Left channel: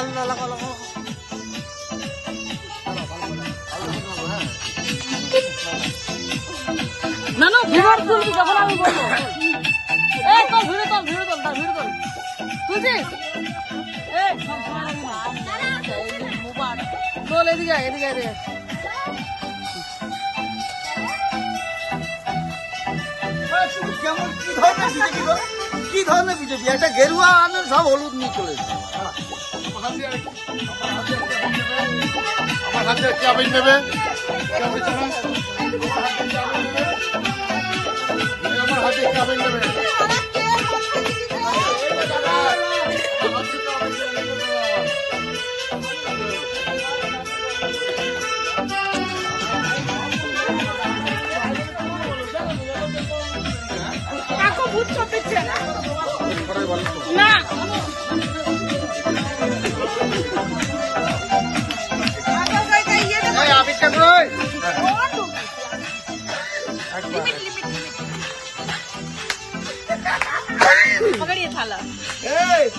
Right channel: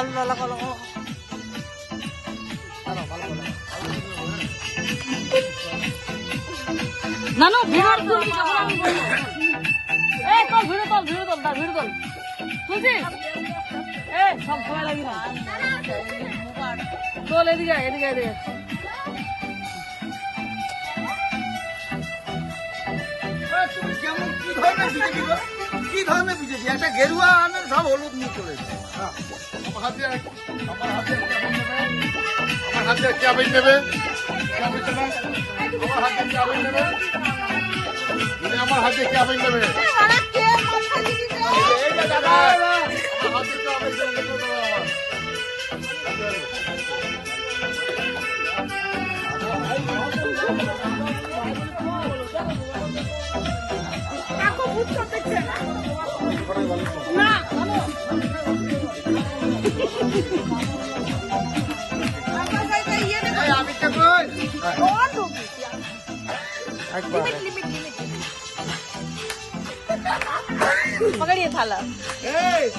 না না ভিড় তুলবি যখন আমি বলবো। এই তোল ভিড় তোল ভিড় তোল তার ভিড় তোল তুলছিস। এই সব ভয় লাগি না তোল এদিকে এদিকে এদিকে। কি ধরনের বিজেপি একটা গেরুয়া আমি সব হলুদ নিয়ে চলেছে। আমার হাতে চাবি নেবে আমার হাতে চাবি নেবে। पकड़िए थाला। ए,